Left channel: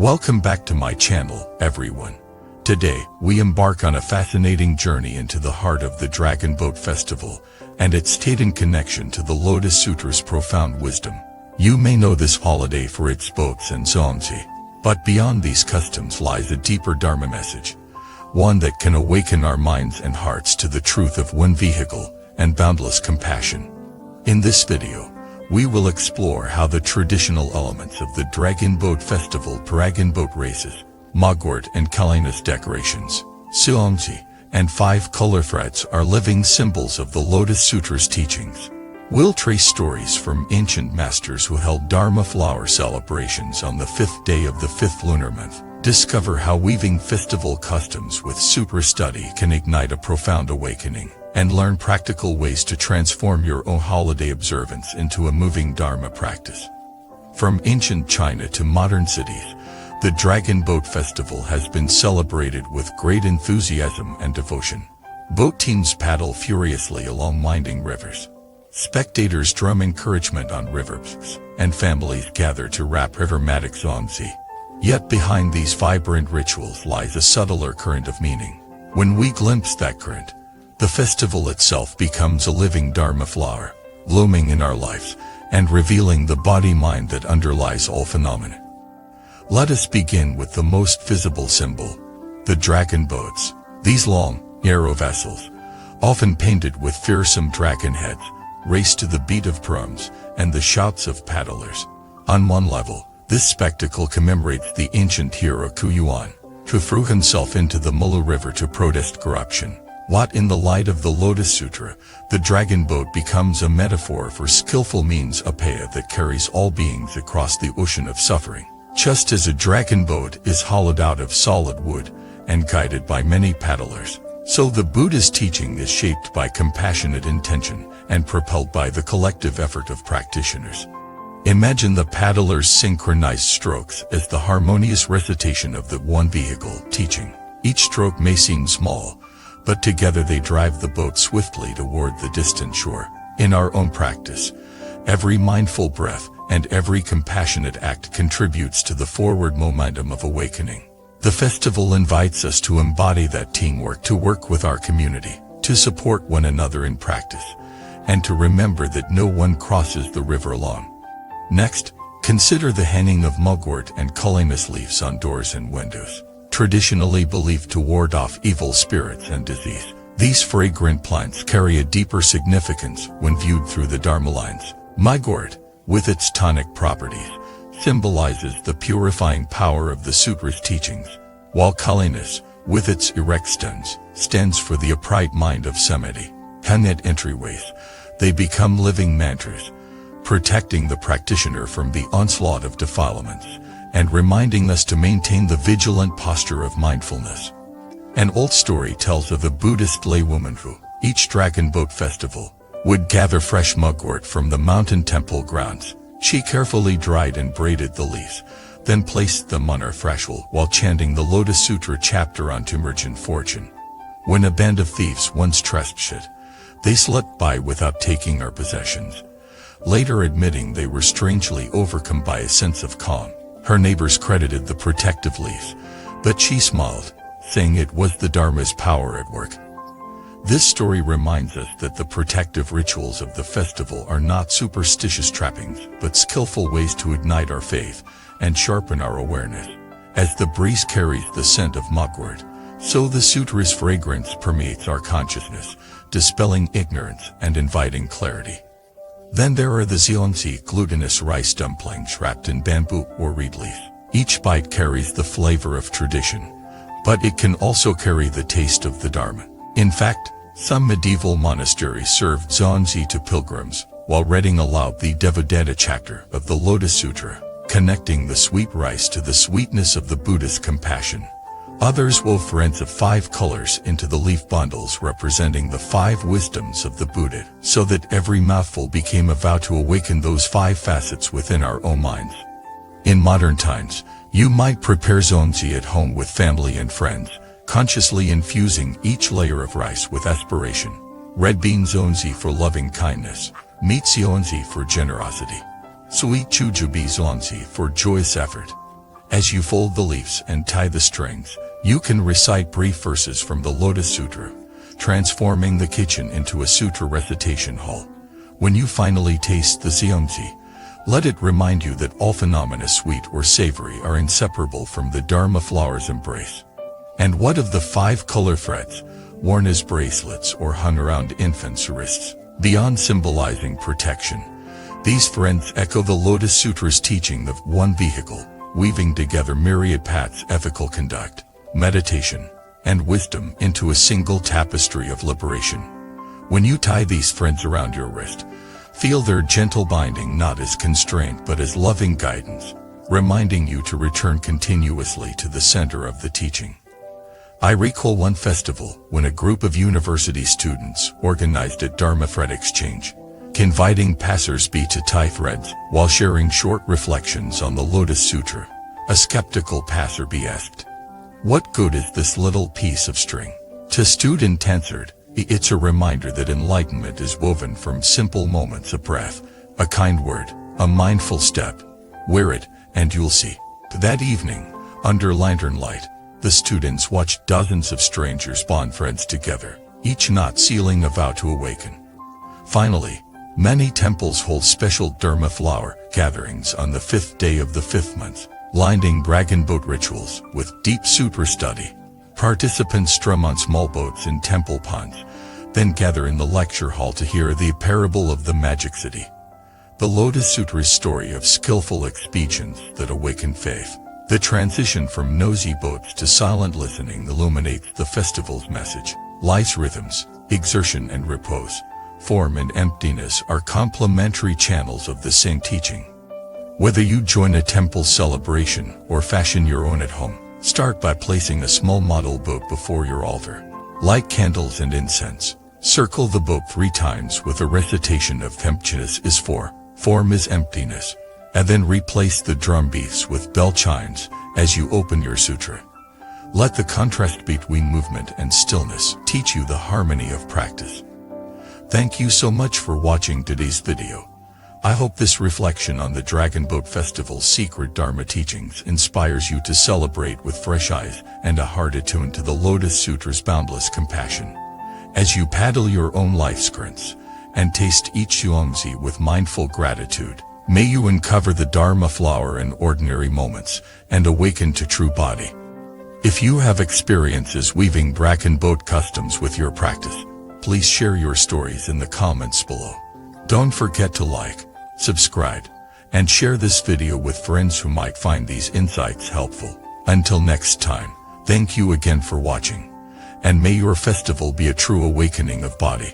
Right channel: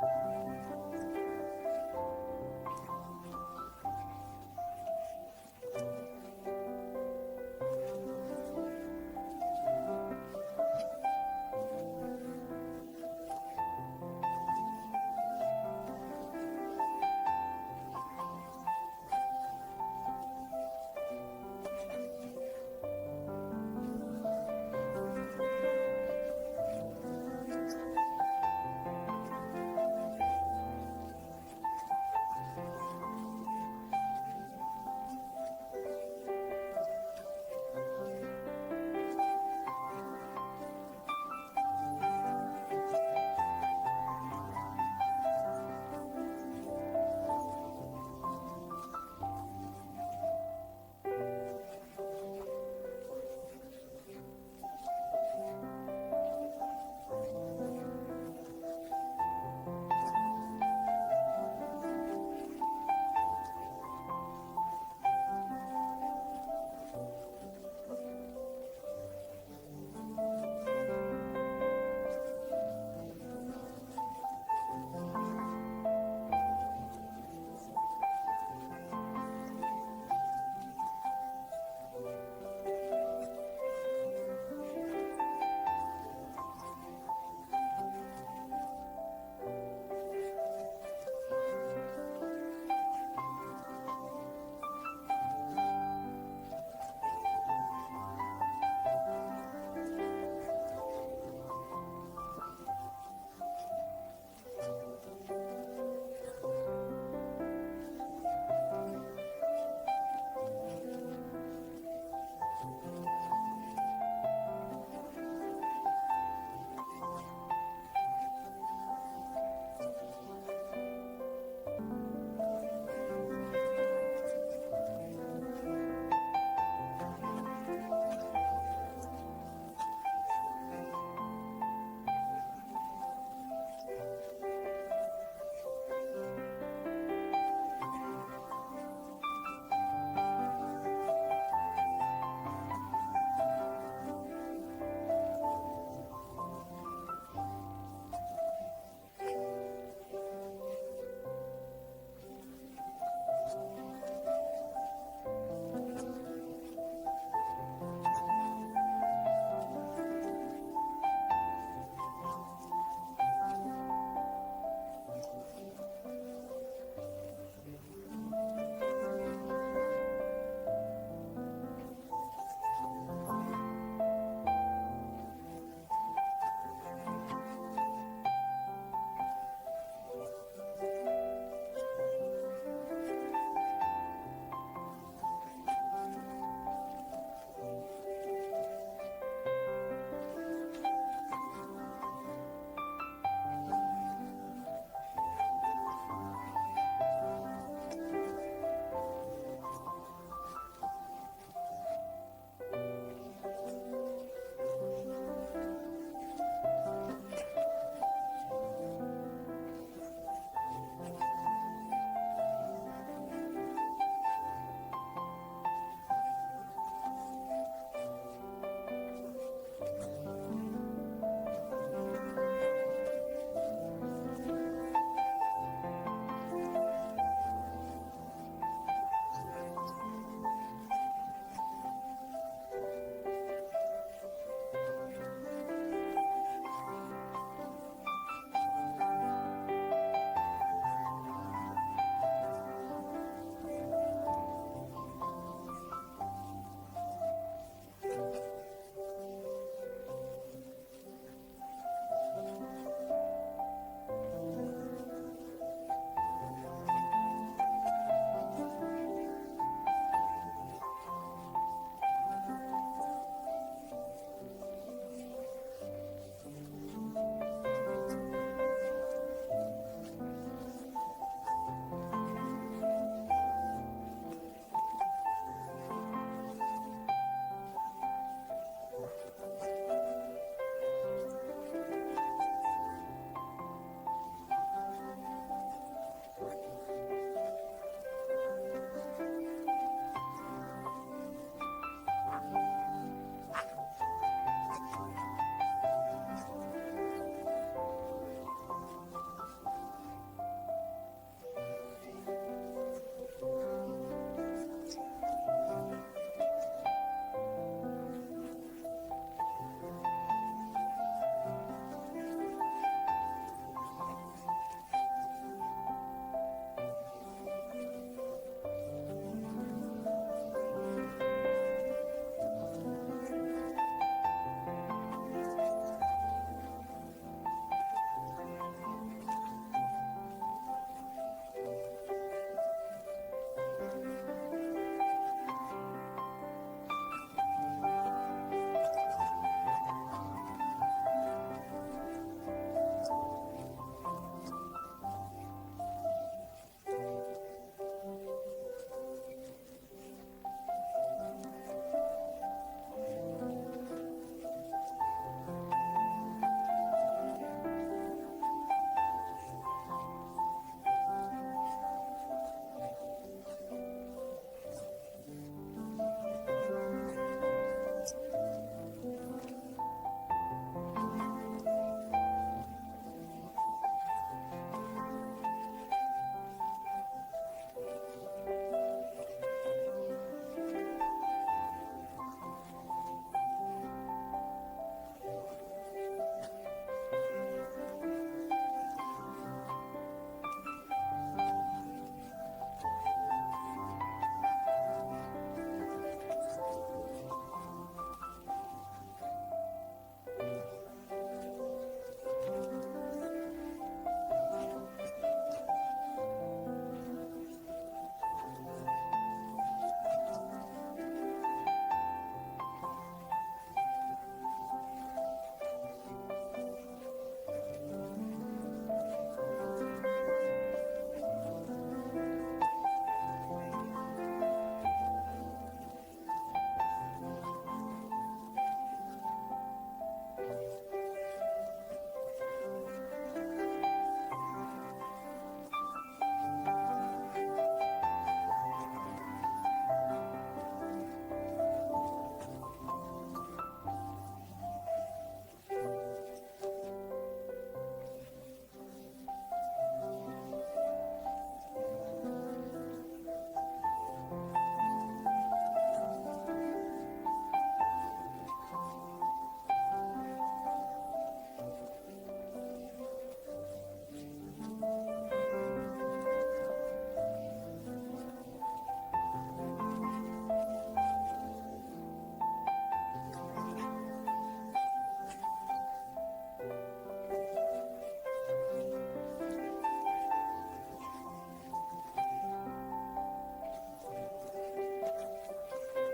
Welcome back to my channel, everyone. Today, we embark on a fascinating journey into the heart of the Dragon Boat Festival and its tight connection to the Lotus Sutra's profound wisdom. You may know this holiday for its boats and zongzi, but beyond these customs lies a deeper Dharma message, one that can awaken our minds and hearts to the truth of one vehicle and boundless compassion. In this video, we will explore how the traditional elements of the Dragon Boat Festival, dragon boat races, Mogwart and Kalinus decorations, Suongzi, and 5 color threads are living symbols of the Lotus Sutra's teachings. We'll trace stories from ancient masters who held Dharma flower celebrations on the 5th day of the 5th lunar month, discover how weaving festival customs with sutra study can ignite a profound awakening, and learn practical ways to transform your own holiday observance into a moving Dharma practice. From ancient China to modern cities, the Dragon Boat Festival has been celebrated with great enthusiasm and devotion. Boat teams paddle furiously along winding rivers. Spectators drum encouragement on riverbanks, and families gather to rap rivermatic zongzi. Yet behind these vibrant rituals lies a subtler current of meaning. When we glimpse that current, the festival itself becomes a living Dharma flower, blooming in our lives, and revealing the body-mind that underlies all phenomena. Let us begin with the most visible symbol, the dragon boats. These long, narrow vessels, often painted with fearsome dragon heads, race to the beat of drums and the shouts of paddlers. On one level, this spectacle commemorates the ancient hero Kuyuan, who threw himself into the Mulu River to protest corruption. What in the light of the Lotus Sutra, the dragon boat becomes a metaphor for skillful means upaya that carries all beings across the ocean of suffering. Just as a dragon boat is hollowed out of solid wood and guided by many paddlers, so the Buddha's teaching is shaped by compassionate intention and propelled by the collective effort of practitioners. Imagine the paddlers' synchronized strokes as the harmonious recitation of the one vehicle teaching. Each stroke may seem small, but together they drive the boat swiftly toward the distant shore. In our own practice, every mindful breath and every compassionate act contributes to the forward momentum of awakening. The festival invites us to embody that teamwork, to work with our community, to support one another in practice, and to remember that no one crosses the river alone. Next, consider the hanging of mugwort and Kalinus leaves on doors and windows. Traditionally believed to ward off evil spirits and disease, these fragrant plants carry a deeper significance when viewed through the Dharma lines. Mugwort, with its tonic properties, symbolizes the purifying power of the Sutra's teachings, while Kalinus, with its erect stems, stands for the upright mind of samadhi. At entryways, they become living mantras, protecting the practitioner from the onslaught of defilements, and reminding us to maintain the vigilant posture of mindfulness. An old story tells of a Buddhist laywoman who, each dragon boat festival, would gather fresh mugwort from the mountain temple grounds. She carefully dried and braided the leaves, then placed them on her threshold while chanting the Lotus Sutra chapter on to merchant fortune. When a band of thieves once trespassed, they slipped by without taking her possessions, later admitting they were strangely overcome by a sense of calm. Her neighbors credited the protective leaves, but she smiled, saying it was the Dharma's power at work. This story reminds us that the protective rituals of the festival are not superstitious trappings, but skillful ways to ignite our faith and sharpen our awareness. As the breeze carries the scent of mugwort, so the sutra's fragrance permeates our consciousness, dispelling ignorance and inviting clarity. Then there are the zongzi, glutinous rice dumplings wrapped in bamboo or reed leaf. Each bite carries the flavor of tradition, but it can also carry the taste of the Dharma. In fact, some medieval monasteries served zongzi to pilgrims while reading aloud the Devadatta chapter of the Lotus Sutra, connecting the sweet rice to the sweetness of the Buddha's compassion. Others wove threads of 5 colors into the leaf bundles representing the 5 wisdoms of the Buddha, so that every mouthful became a vow to awaken those 5 facets within our own minds. In modern times, you might prepare zongzi at home with family and friends, consciously infusing each layer of rice with aspiration. Red bean zongzi for loving kindness, meat zongzi for generosity, sweet jujube zongzi for joyous effort, As you fold the leaves and tie the strings, you can recite brief verses from the Lotus Sutra, transforming the kitchen into a sutra recitation hall. When you finally taste the seongji, let it remind you that all phenomena, sweet or savory, are inseparable from the Dharma flower's embrace. And what of the 5 color threads, worn as bracelets or hung around infants' wrists? Beyond symbolizing protection, these threads echo the Lotus Sutra's teaching of one vehicle, weaving together myriad paths, ethical conduct, meditation, and wisdom into a single tapestry of liberation. When you tie these threads around your wrist, feel their gentle binding not as constraint but as loving guidance, reminding you to return continuously to the center of the teaching. I recall one festival when a group of university students organized a Dharma thread exchange, inviting passers-by to tie threads while sharing short reflections on the Lotus Sutra. A skeptical passer-by asked, "What good is this little piece of string?" To student answered, "It's a reminder that enlightenment is woven from simple moments of breath, a kind word, a mindful step. Wear it, and you'll see." That evening, under lantern light, the students watched dozens of strangers bond threads together, each knot sealing a vow to awaken. Finally, many temples hold special Dharma flower gatherings on the 5th day of the 5th month, lining dragon boat rituals with deep sutra study. Participants strum on small boats in temple ponds, then gather in the lecture hall to hear the parable of the magic city. The Lotus Sutra's story of skillful expeditions that awaken faith. The transition from nosy boats to silent listening illuminates the festival's message. Life's rhythms, exertion and repose, form and emptiness are complementary channels of the same teaching. Whether you join a temple celebration or fashion your own at home, start by placing a small model boat before your altar. Light candles and incense. Circle the boat 3 times with a recitation of emptiness is form is emptiness, and then replace the drum beats with bell chimes as you open your sutra. Let the contrast between movement and stillness teach you the harmony of practice. Thank you so much for watching today's video. I hope this reflection on the Dragon Boat Festival's secret Dharma teachings inspires you to celebrate with fresh eyes and a heart attuned to the Lotus Sutra's boundless compassion. As you paddle your own life's currents and taste each seongji with mindful gratitude, may you uncover the Dharma flower in ordinary moments and awaken to true Bodhi. If you have experiences weaving dragon boat customs with your practice, please share your stories in the comments below. Don't forget to like, subscribe, and share this video with friends who might find these insights helpful. Until next time, thank you again for watching, and may your festival be a true awakening of Bodhi.